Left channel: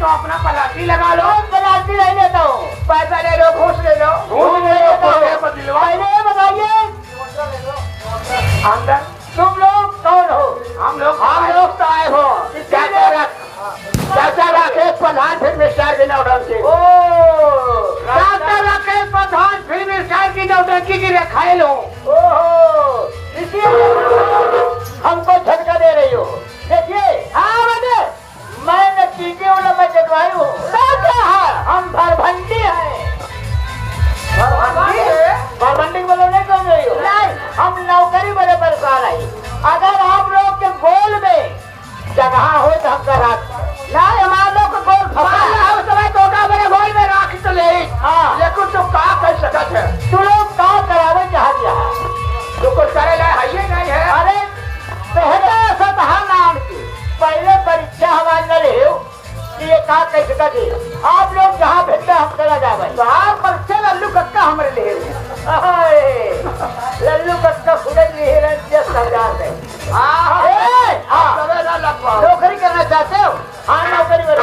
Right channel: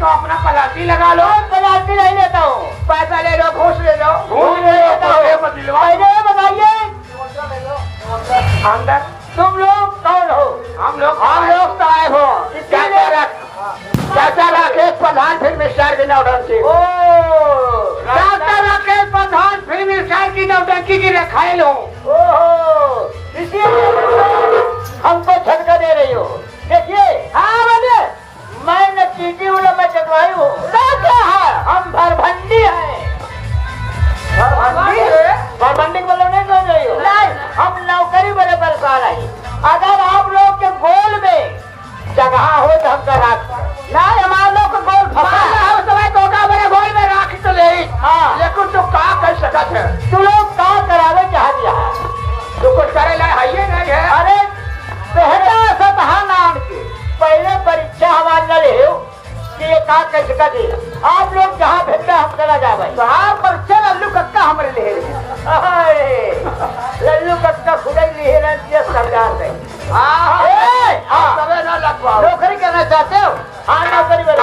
तो अपना पलासी लगा लो। पलासी नहीं लेता हूँ, पैसा ले लो, घूस ले लो, घूस ले लेता हूँ। पहले बताइए अंदर तुम लोग कौन हो? हम लोग तो आए हो चाचा राकेश प्रधान फिल्म स्टार की नौटंकी। ओ चाचा राकेश प्रधान फिल्म स्टार की नौटंकी की रखाई लो। ओहो, इसीलिए हमको झटका दे रही हो। देखिए, हाँ मैंने चीटी हूँ, मैं चटवाई हूँ। क्या है? हम भरभंडी है। भरभंडी बोले नहीं बोल रही हो? नहीं, हम नौकरी बड़े परेशान है। अगर आप लोग के गोल में जगह हो तो हमका राख नहीं, हमारे लोग को गोल फंसा बड़े गोल में राख तो ले। हाँ, लेकिन तो का कर सकत है? तू लोग काम करावे चाह दिया तो कुछ करे ला है ये नहीं है। अरे पहला सतहा नाम की पहले परीक्षा हमारे चले हो कि ये काम कैसे करे। आप लोग जहाँ भेजते हम चला जाए। तो आप परीक्षा लल्लू कक्का हमारे लिए लल्लू कक्का खुले लिए नौकरी करना चाहते हो? हाँ, नौकरी वाले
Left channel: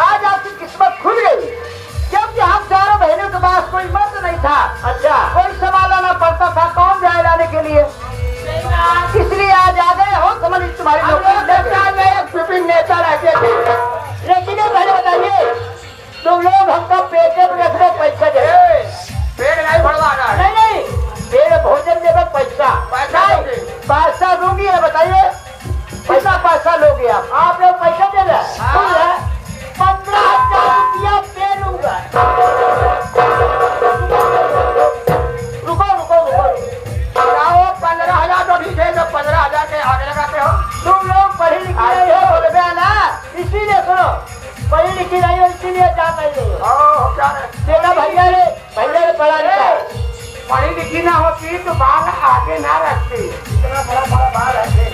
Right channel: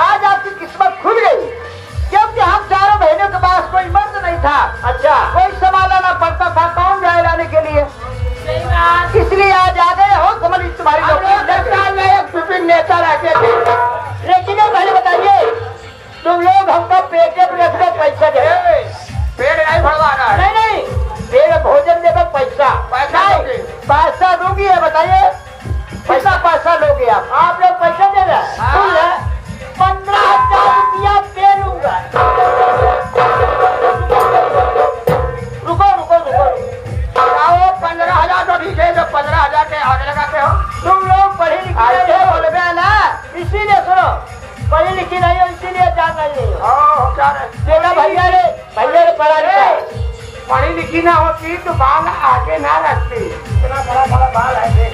आज आपकी किस्मत खुल गई, क्योंकि हम 4 महीनों के बाद कोई मर्द नहीं था। अच्छा, कोई संभालना पड़ता था, कौन जाए लाने के लिए? इसलिए आज आ गए हो। समझ तुम्हारी नौकरी नेता रहते थे। लेकिन पहले बताइए, तुम लोग हमको पेटे पे रखने पैसा दे। पेड़ नहीं भरवा रहा है। नहीं, पेड़ भोजन देगा पैसा। पैसा दूंगी है, बताइए पैसा लोगे आप लोग पैसा दे रहे हैं। 15,000 रुपया दे दूंगा। रुको 15,000 तो ठीक है, 15,000 के आगे लगाते हो। तुम लोग पढ़ी लिखी नहीं हो, बोल गया ना, इसीलिए सुनो, पढ़ी लिखी नहीं हो इसीलिए जाता ही नहीं हो। बेटा भैया पढ़ा लिखा पढ़ी लिखी ना होती तो बाल आगे ना रखती। इतना बड़ा बाल है।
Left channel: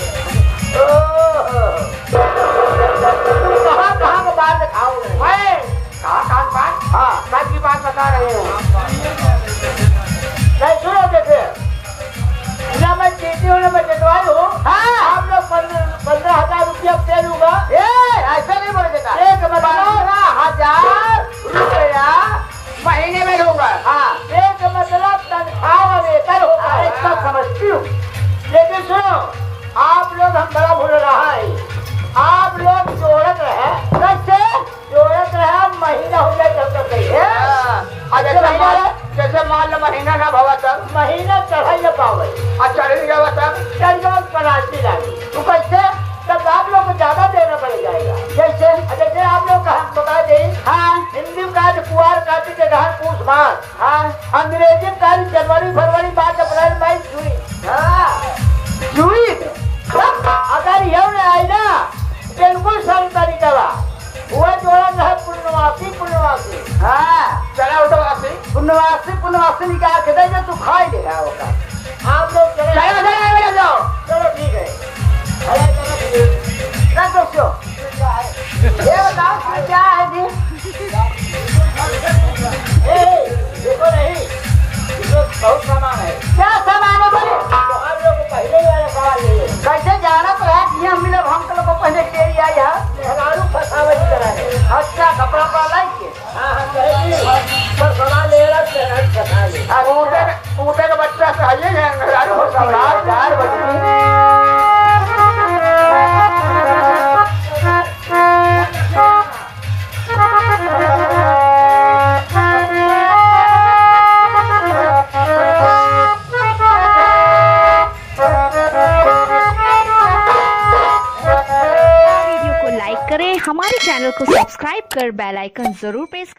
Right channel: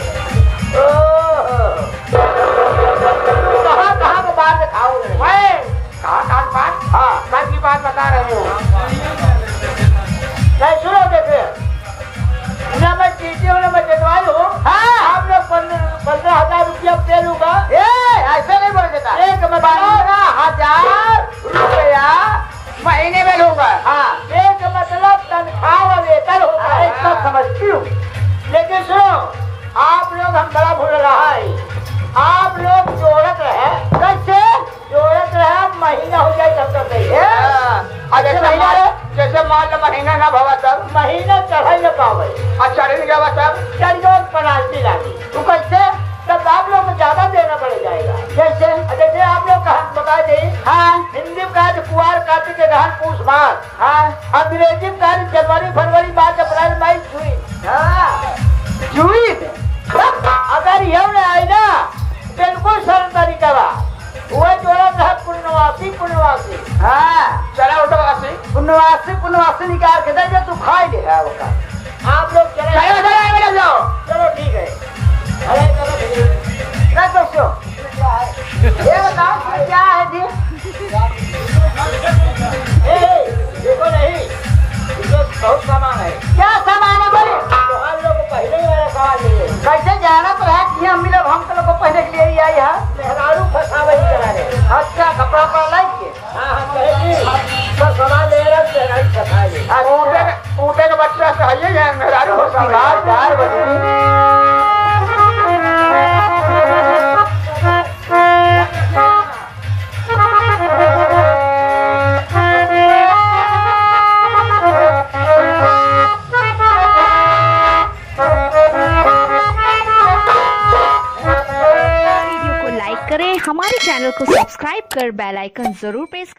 कहाँ का बात दिखाओगे? कहाँ का बात? हाँ, मैं की बात बता रही हूँ। नहीं सुनोगे फिर ना, मैं चीटी हूँ, मैं जटवाई हूँ। हाँ, आप लोग 15,000 रुपया दे दूंगा। ऐसा नहीं बोल देता। 15,000 रुपया महीने में लूंगा। हाँ, एक मतलब तनख्वाह वेतन होता है, सब समझती हूँ। लेकिन सुनो, आप लोग हम बड़ा भूल रहा है। आप लोग जोड़त रहे, कैसे जोड़त रहे, महीना हो जाए तब तक जैसे मान लो महीना ना भवा तब महीना चढ़ाई न पावे। अच्छा नहीं जावा तब चढ़ो पनासी लागी। तो कैसे? तब आप लोग को ज्यादा देना पड़ जाएगा। जैसे आप लोग का बता दें। हाँ, हिंदी में कहा कुआर कार्तिक के रहन पूछ मार। हाँ, अंग्रेजी में कहा जनवरी फरवरी मार्च अप्रैल मई जून। हाँ, जून अगर ये आई ना, बिल्कुल सरल तरीका बा। वह जोड़ा था पुण्यवासी। हाँ, चला उठवासी पुण्यवासी निकाल के दे, तू खाई ले रहा होगा। आप लोग चले चलो ठीक है। क्या सोचो? ये बताओ क्या है जी? देखो नहीं, बहुत सामान है। क्या सामान है भाई? तो हम लोग को पहले ही वाला सामान ले लो। कैसे जाना तो है कि हम लोग को पहले के लिए आई है। मेहरारू फसावे कराने। अच्छा, कपड़ा पर लाइक के। हाँ, सामान ले रहे ऊटे के बच्चे से आइए यार, मेहरारू वीडियो को लाइक करें, हमारे चैनल को सब्सक्राइब कर बेल आइकन जरूर प्रेस